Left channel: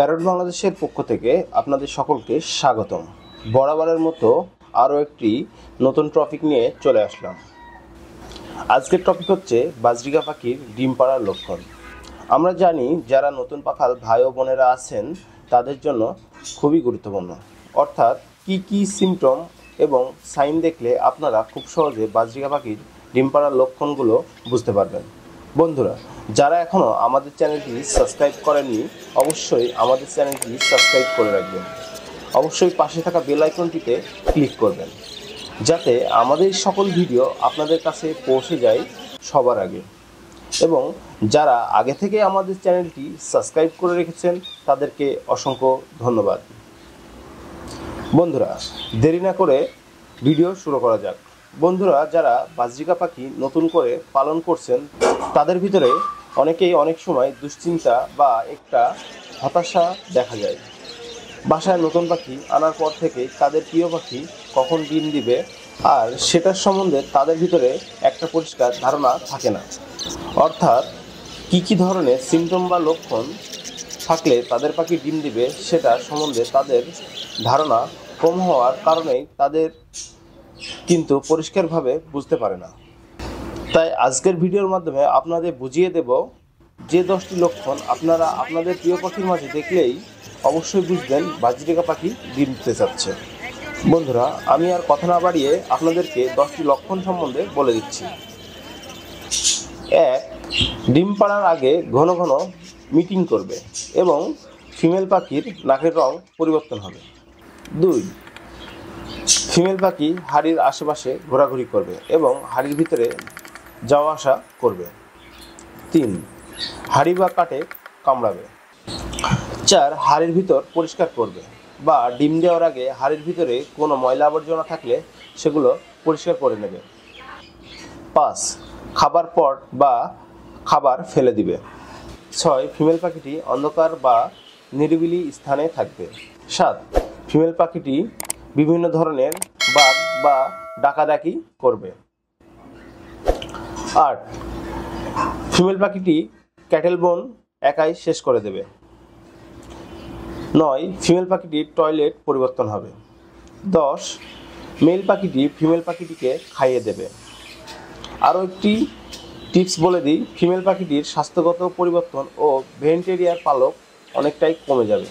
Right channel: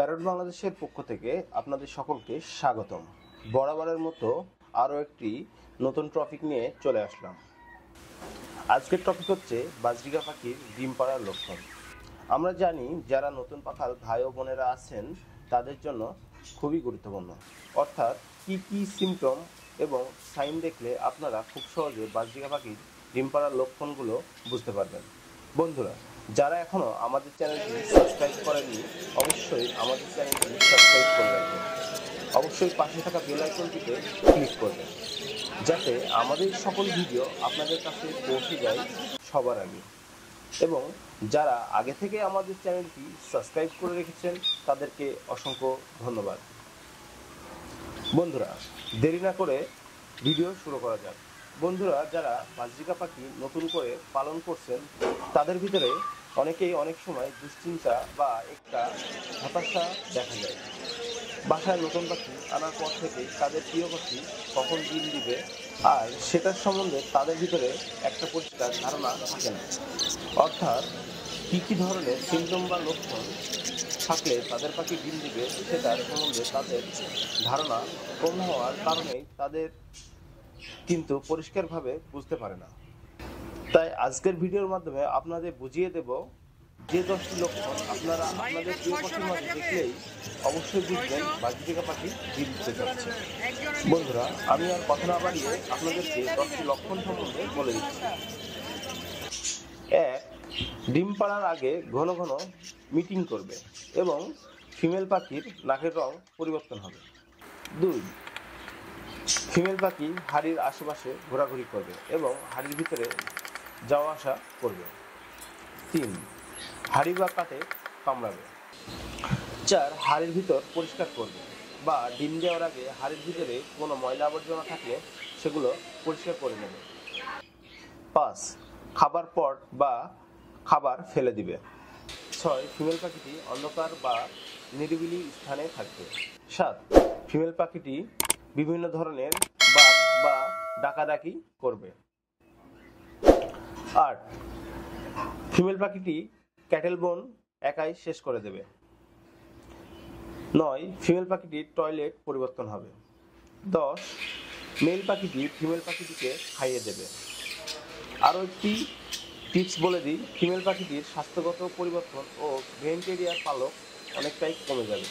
Parrot বাংলাদেশের পক্ষ থেকে আপনাদের সকলকে স্বাগতম। বরাবরের মতো আরও একটি নতুন টপিক নিয়ে চলে আসলাম। আজকের টপিক হচ্ছে বাজরিকা পাখির ডিম পাড়ার লক্ষণ। আমরা জানি যারা নতুন পাখাল ভাই ও বোনেরা আছেন তাদের জন্য খুবই গুরুত্বপূর্ণ, অর্থাৎ কি সিমটম এবং সাইন দেখলে আপনারা খুব সহজে বাজরিকা পাখির ডিম পাড়ার লক্ষণগুলো বুঝতে পারবেন। বন্ধুরা, যারা এখনও আমাদের চ্যানেলটি সাবস্ক্রাইব করেননি অবশ্যই আমাদের চ্যানেলটি সাবস্ক্রাইব করে রাখবেন। অবশ্যই পাশে থাকা বেল আইকনটিতে ক্লিক করবেন যাতে আমাদের সকল ভিডিও আপনাদের কাছে পৌঁছে যায় সবার আগে। এবং যারা আগে থেকে আমাদের চ্যানেলটি সাবস্ক্রাইব করে রেখেছেন তাদেরকে অসংখ্য ধন্যবাদ। বন্ধুরা, দেরি না করে ভিডিও শুরু করা যাক। বন্ধুরা, যারা বাজরিকা পাখি নতুন করে পালন করছেন তাদের ভিতরে অনেকেই অনেক সময় দুশ্চিন্তা বা একটা হতাশা দেখা যায়। বাসায় নতুন পাখি আনার পর থেকে তাদের প্রিয় পাখি কখন ডিম দিবে আর সেটার সম্বন্ধে তাদের ভিতরে একটা পরিষ্কার ধারণা থাকে না। অর্থাৎ কী ধরনের সিমটম বা লক্ষণ থাকলে তাদের পাখি ডিম দিবে সেটা সম্বন্ধে তাদের ধারণা কম হওয়ার কারণেই তাদের কিন্তু পরিষ্কারভাবে বুঝতে পারে না। তাই আজকের ভিডিওর মাধ্যমে আপনাদের বুঝিয়ে দেব যে 10টি লক্ষণ আপনারা আপনাদের প্রিয় পাখির মাঝে দেখলেই অবশ্যই বুঝবেন বাজরিকা পাখি ডিম দিতে চাচ্ছে। বন্ধুরা, আমি আর কথা না বাড়িয়ে আপনাদেরকে 10টি লক্ষণ সম্বন্ধে বলে দিচ্ছি। 1. ডিম পাড়ার আগে ঘন ঘন মিটিং করবে এবং ফিমেল পাখির নাকের রং পরিবর্তন হবে। 2. ফিমেল পাখি হাড়ির আশেপাশে ঘোরাঘুরি করবে এবং হাড়ির ভিতরে যাওয়া আসা করবে। 3. হাড়ি বা কাটে কামড়াবে। 4. হাড়ির ভিতর পরিষ্কার করবে বা ডিম দেওয়ার আগে হাড়ির ভিতরে কোনো ময়লা আবর্জনা থাকলে সেগুলো পরিষ্কার করে নেবে। 5. খাবার পট বা খাবার ফেলে দিবে। 6. ফিমেল পাখিটি অন্ধকার বা নিরিবিলি স্থানে থাকবে। 7. ফিমেল পাখিটি বিভিন্ন ধরনের বাগ বা ডাকাডাকি করবে। 8. ফিমেল পাখিটি ক্যাটেল বোন একাই শেষ করে দেবে। 9. ফিমেল পাখিটির টয়লেট পরিবর্তন হবে। 10. মেল পাখিটি ফিমেল পাখিটিকে খাইয়ে দেবে। আরও একটি টিপস বলে দিই, ফিমেল পাখিটির স্বাস্থ্যগত পরিবর্তন ও ভেন্টেরিয়ার পালক অনেকটাই কমে যাবে।